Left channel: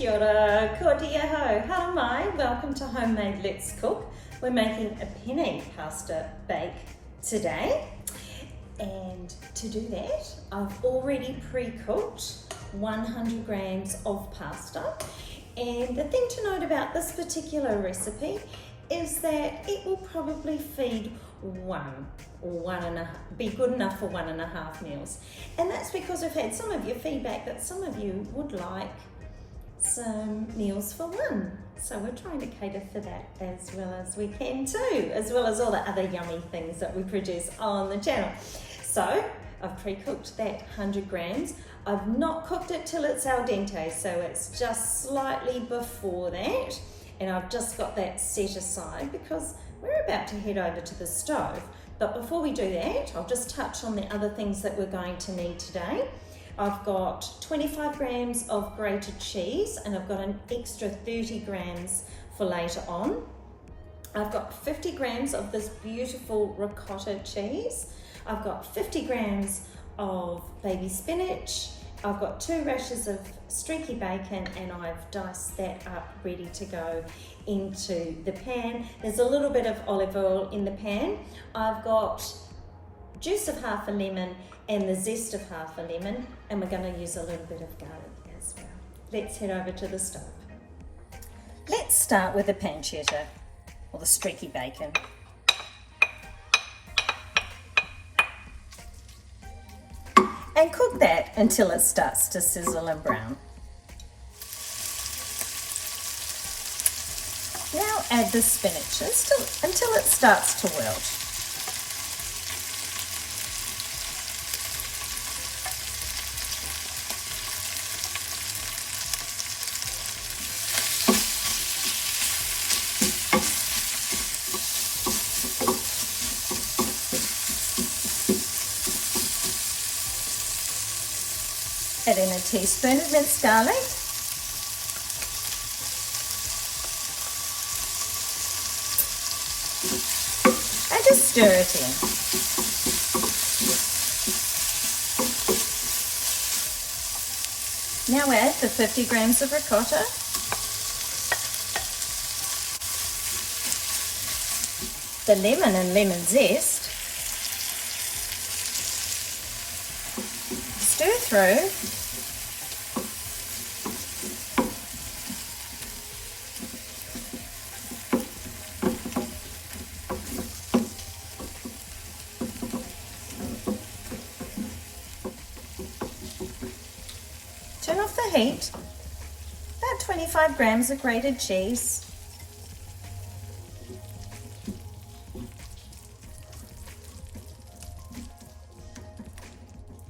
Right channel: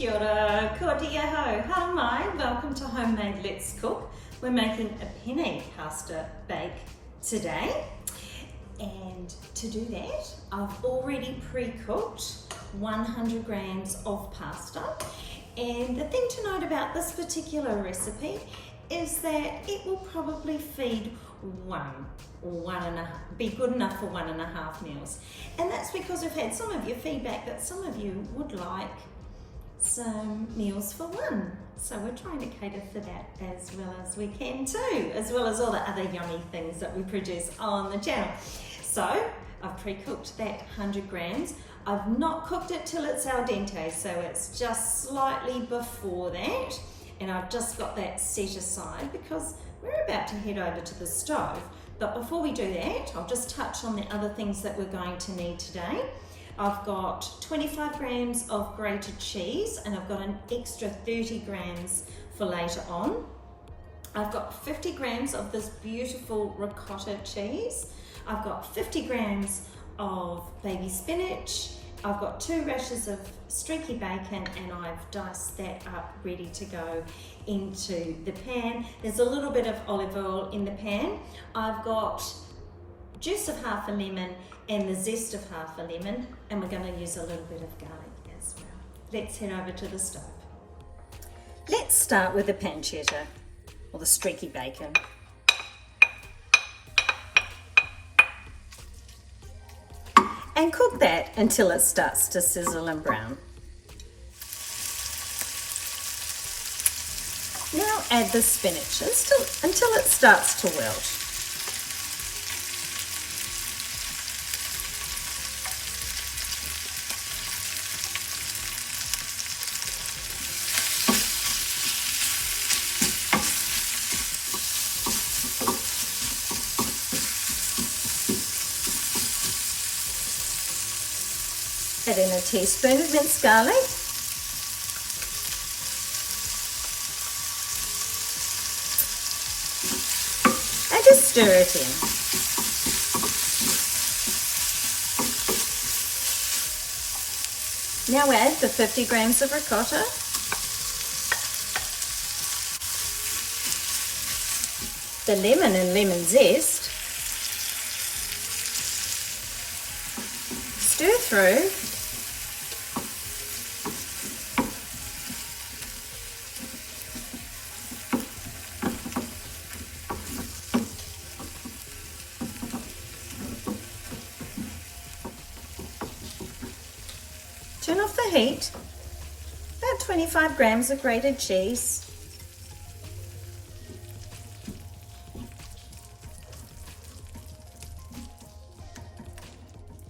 Kia ora, ko te ho, hara mai, welcome to Homemade Let's Cook. We're making a penne pasta bake today. And to do that, I've already pre-cooked 100 grams of pasta. And the thing to note about this particular recipe is that it will probably feed be good enough for 1.5 meals. And that's because we've had some of your feedback that some of you would like some meals for one. So we're trying to cater for that as well as we can too, as well as all the other yummy things that we produce on the channel. So I've pre-cooked that 100 grams. I've not cooked it till it's al dente, so it's just slightly before that. And I've just got that set aside because we're about to head over to the stove. But before we do that, I'll just touch on the other things that we're going to need today. I've got 25 grams of grated cheese and I've got an extra 30 grams for later on. I've got 50 grams of this beautiful ricotta cheese. I've got 50 grams of baby spinach. I've got 2 rashers of streaky bacon and I've diced that up ready to go into the pan. There's a little bit of olive oil in the pan. I've got juice of half a lemon and the zest of half a lemon, and we're going to use a little bit of garlic as well. Let's head over to the stove. Let's start with the pancetta or the streaky bacon. And cook that until it starts to sizzle and brown. Now add the spinach until it starts to wilt. Add in a teaspoon of minced garlic. And just stir it in. Now add the 50 grams of ricotta. The lemon and lemon zest. Stir through. Turn off the heat. About 25 grams of grated cheese.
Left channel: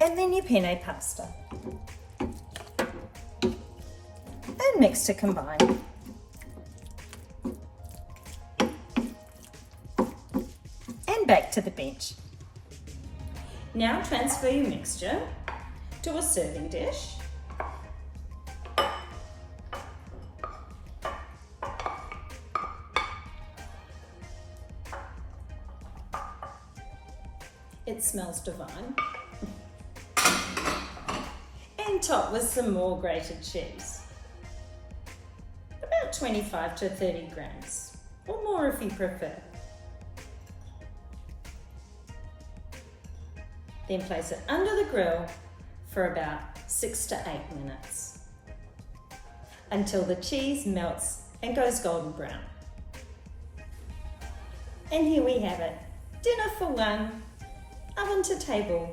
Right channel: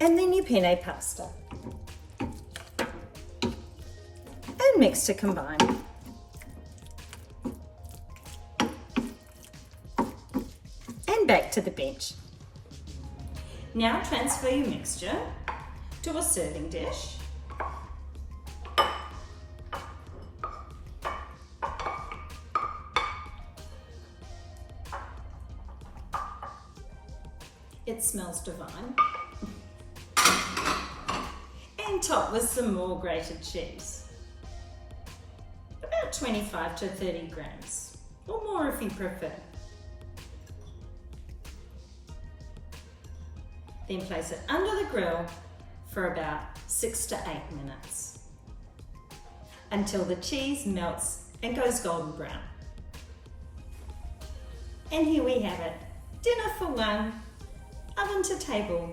And then your penne pasta. And mix to combine. And back to the bench. Now transfer your mixture to a serving dish. It smells divine. And top with some more grated cheese. About 25 to 30 grams, or more if you prefer. Then place it under the grill for about 6 to 8 minutes until the cheese melts and goes golden brown. And here we have it, dinner for one, oven to table,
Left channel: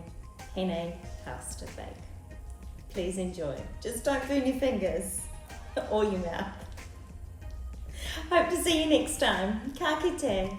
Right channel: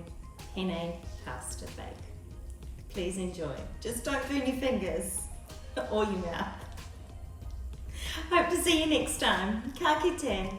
penne pasta bake. Please enjoy. Just don't burn your fingers or your mouth. Hope to see you next time. Ka kite.